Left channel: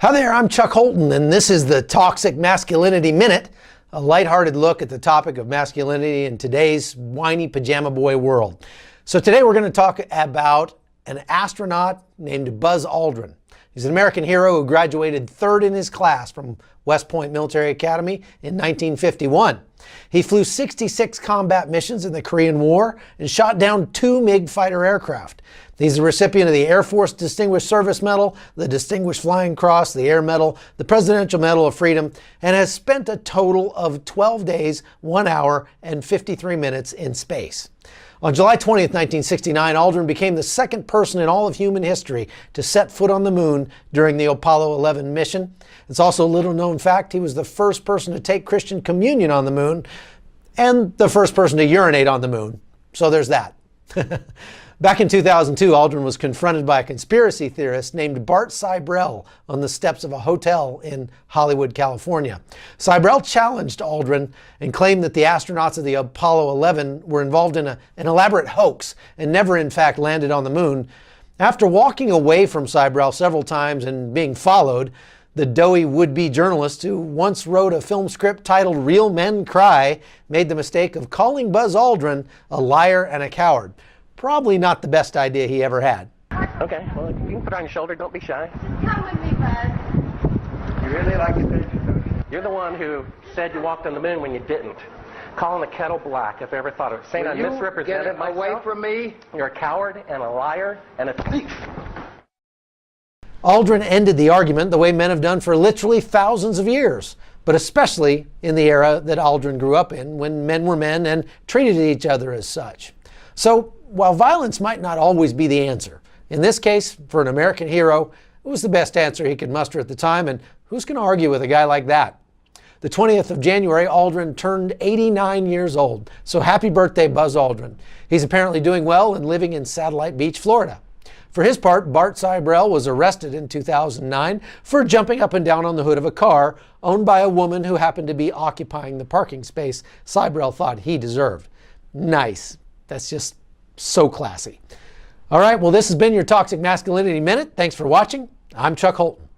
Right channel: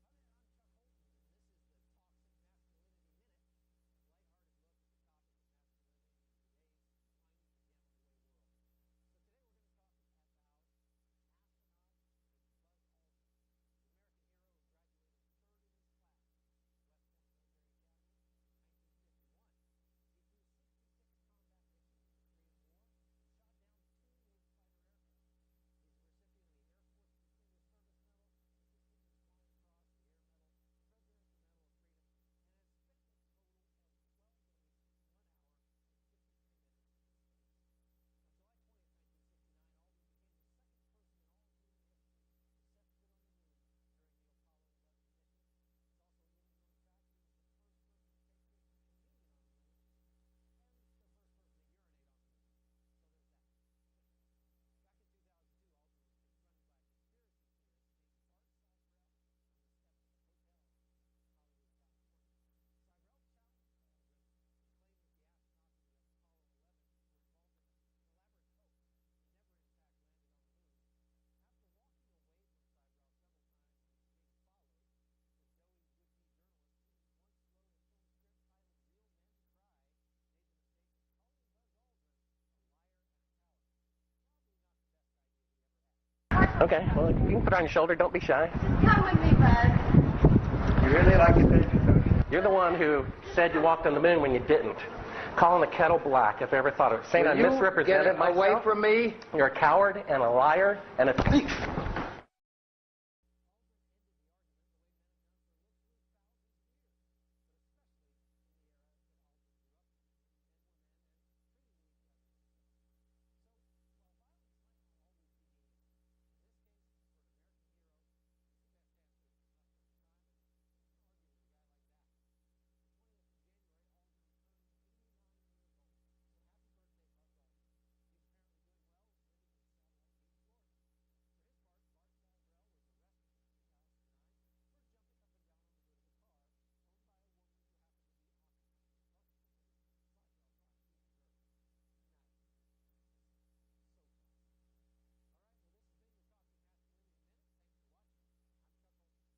Hi there, I'm Chuck Holton, and this is the Toxic Masculinity Minute, a lighthearted look at the topic of masculinity in today's whiny pajama boy world. So today we're going to talk about an astronaut named Buzz Aldrin. He's an American hero who graduated third in his class from West Point Military Academy in 1951. He flew 66 combat missions in the Korean War and shot down 2 MiG fighter aircraft. He's the recipient of the Air Force Distinguished Service Medal, the Distinguished Flying Cross, the Air Medal, the Presidential Medal of Freedom, and has spent a total of 12 days, 1 hour, and 53 minutes in space. On July 20th, 1969, Aldrin became the second person in all of human history to set foot on the moon during the Apollo 11 mission. It's also a little known fact he was the first person to take Christian communion on the moon and the first person to urinate on the moon. So there's that. Back in 2002, Aldrin was confronted by a conspiracy theorist named Bart Sibrel on the steps of a hotel in Hollywood, California. Sibrel challenged Aldrin and claimed that the astronauts of the Apollo 11 were involved in an elaborate hoax and never in fact landed on the moon. After walking away from Sibrel several times and being followed, the doughy would-be journalist who once wrote a film script titled Real Men Cry made the mistake of calling Buzz Aldrin a liar and a coward. Probably not the best idea he ever had. Okay, well, you can put it on your shoulder. Don't be shy. Come with me, Buzz. You really like your picture, don't you? You're the one who said you walked on the moon when you didn't. Calling the kettle black, if I ever thought of it. Saying I misrepresented myself. Away from me. You're a coward and a liar and a thief. Aldrin ended the argument the way men have done for literally thousands of years, but especially in the era that Aldrin grew up in, when men were men and treated each other as such. So, while violence might not always be the answer, in this case, for an American hero, it was the best answer he could muster at the time, and who's going to argue with a guy like that? The 20th of January, Aldrin turned 89 years old, so happy birthday, Buzz Aldrin. He's apparently doing well and living in Satellite Beach, Florida. For his part, Bart Sibrel was arrested in 2009 for jumping up and down on the hood of a car owned by a woman who happened to be occupying the parking space Sibrel thought he deserved. Nice. That's just so classy. All right, well, this has been your Toxic Masculinity Minute. Thanks for watching. I'm Chuck Holton.